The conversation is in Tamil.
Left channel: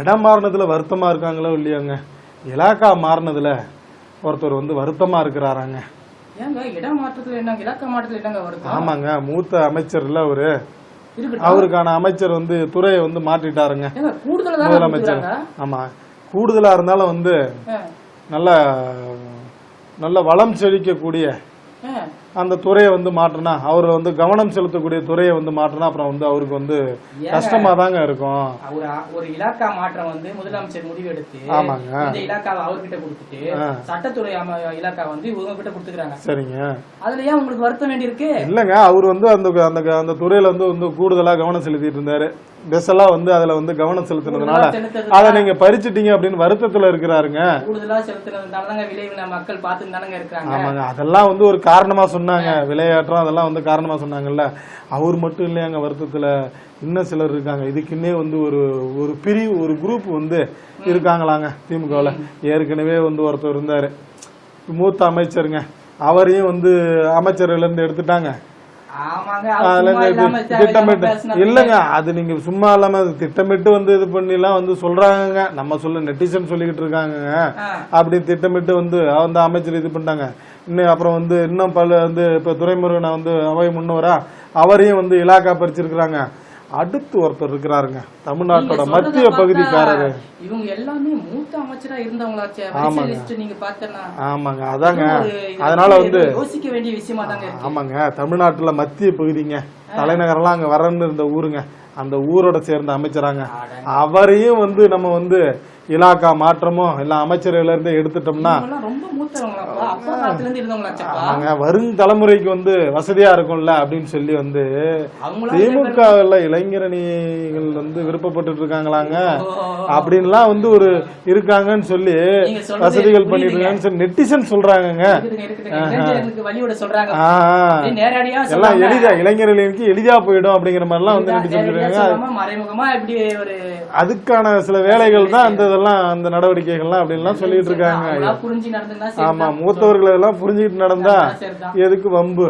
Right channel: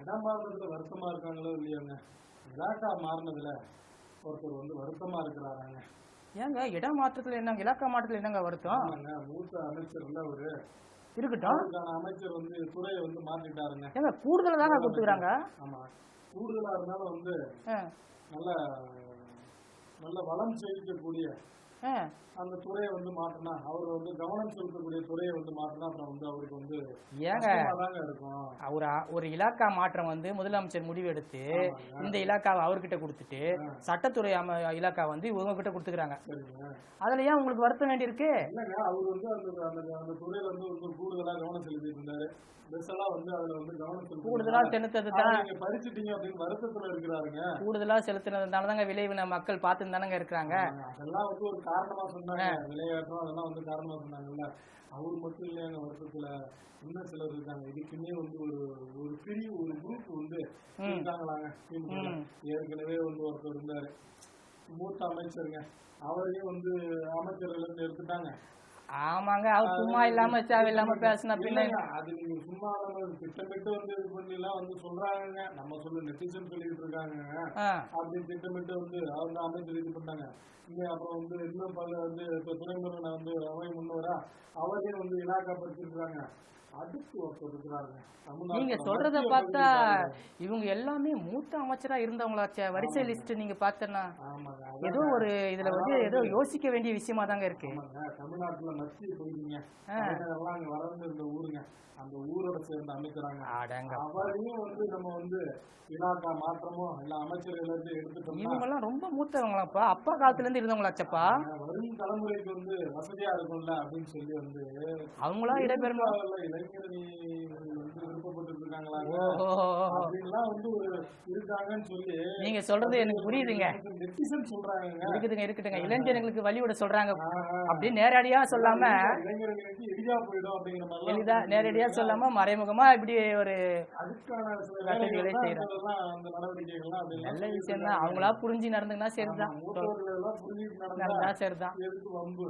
இடம் மாறினதுல வருத்தமா இருக்காங்களோ இல்லையாங்க, இலாக்கா மாறினதுல ஒருத்தர் வந்து வருத்தமா இருக்கிறாராங்க. ஏங்க இடம் மாற்றத்துல என்னங்க, இலாக்கா மாற்றத்துல என்னங்க வருத்தம்? ஆமாங்க, மூத்த அமைச்சர்ல அவரு, அவருக்கான அமைச்சர் வந்து துறையை வந்து மாற்றிட்டாருங்க முதலமைச்சர். ஆமா, கூடுதலா இருந்தாலும் வந்து நல்ல நல்ல வளம் செழிக்கக்கூடிய அந்த துறையை வந்து மாற்றினா, அவர் வந்து கவனம் செலுத்தக்கூடிய துறையை வந்து மாற்றினா அப்புறம் வந்து அவருக்கு வந்து கஷ்டமா தாங்க இருக்கும். ஒரு இலாக்கா மாற்றம் வந்து முதலமைச்சர் முடிவு எடுத்து இந்த இலாக்காவை அவர்கிட்ட கொடுத்துட்டு சட்டத்துறை இலாக்கா வந்து இவங்க கிட்ட கொடுத்துக்கிறாங்க. சரிங்க, அதுல ஏன் உங்களுக்கு வருத்தம் வேண்டி இருக்கு? இல்லங்க, அவர் வந்து அந்த அந்த துறையில வந்து கூடுதலா கவனம் செலுத்திட்டு இருந்தாரு. பெஸ்ஸெல்லாம் வந்து அதுல வந்து கவனம் செலுத்தினதுனால அதை நீங்க பறிச்சுட்டீங்க அப்படின்னு வருத்தத்துல இருக்கிறாருங்க. கூடுதலா செலுத்தினதுனாலதாங்க விளைவு மக்கள் பார்த்துட்டு தானங்க இருக்காங்க. ஆமாங்க, அதெல்லாம் வந்து ஒரு காரணமா சொன்னாங்க, விளையாட்டம் அதெல்லாம் வந்து காரணமா சொன்னாங்கல்ல. அவர் மட்டும் இல்லையாங்க வருத்தத்துல, இன்னும் சிலர் இருக்காங்க. இதுக்குன்னே வந்து ஒரு பிரிவு, ஒரு குரூப் வந்து இருக்காங்களாங்க திமுகவில். ஏற்கனவே வந்து ஒருத்தர் இருந்தாரு, மூத்த அமைச்சருங்க, அவரையும் வந்து அமைச்சர்கள் இருந்து எடுத்துட்டாங்க. திட்டமிட்டு இல்லங்க, அது நீங்க சும்மா இல்லாம திட்டமிட்டு வந்து இது பண்ணிலாம் வந்து சொல்றாங்க. நம்ம சொல்ல நெட்டிசன் சொல்லிக்கிட்டு இருக்காங்க. அப்படி திட்டமிட்டு வந்து அந்த அமைச்சர் இது பண்ணிட்டாங்க. இன்னும் அப்புறம் வந்து இன்னும் பல வந்து இப்ப துரைமுருகனை வந்து அவை முன்னவரா அவரையும் வந்து இலாக்கா பறிச்சிருக்கிறாங்க. அடுத்து ஒருத்தர் இருக்கிறாருங்க, தமிழ்நாட்டோட மத்திய பகுதிக்காரரு. இவங்க எல்லாமே மூத்த அமைச்சரா இருந்தவங்களாச்சே. ஆமாங்க, அதாங்க, அதனால வந்து யோசிக்க வேண்டிய விஷயமா தாங்க இருக்கு. ஆமாங்க, தமிழ்நாட்டுல மத்திய பகுதிங்க, தலைநகரெல்லாம் அங்க வரன்னு இருந்த ஊருங்க, அந்த ஊரோட சேர்ந்த அமைச்சராங்க. அவரையும் வந்து நம்ம வந்து இலாக்கா மாற்றமோ இல்ல அமைச்சர்கள் இருந்து எடுத்துட்டோம்னா வரும் தலைமுறைக்கு வந்து வசதியா இருக்கும்ல அப்படின்னு சொல்லி வந்து திமுக இளைஞரணிகள் வந்து விருப்பப்பட்டு இருக்காங்களாங்க. அப்படின்லாம் வந்து ஒரு இருக்காங்கன்னு சொல்லி வசதிகள் பண்ணிட்டு இருக்காங்கன்னு சொல்லி நெட்டிசன் சொல்றாங்க. எல்லாம் எளிதா இளைஞர்களுக்கு எளிதா போயிடும் அப்படிங்கிற மாதிரி எல்லாம் வந்து நெட்டிசன் சொல்றாங்க. அதுக்கான சில வேலைகள் தான் அந்த இதெல்லாம் அந்த நடவடிக்கைகள்லாம் அப்படின்லாம் சொல்லிட்டு இருக்காங்க. ஆமா, மூத்தவர்கள் எல்லாம் புரிஞ்சுக்கிட்டு நடந்தா எதுக்கு வம்பு?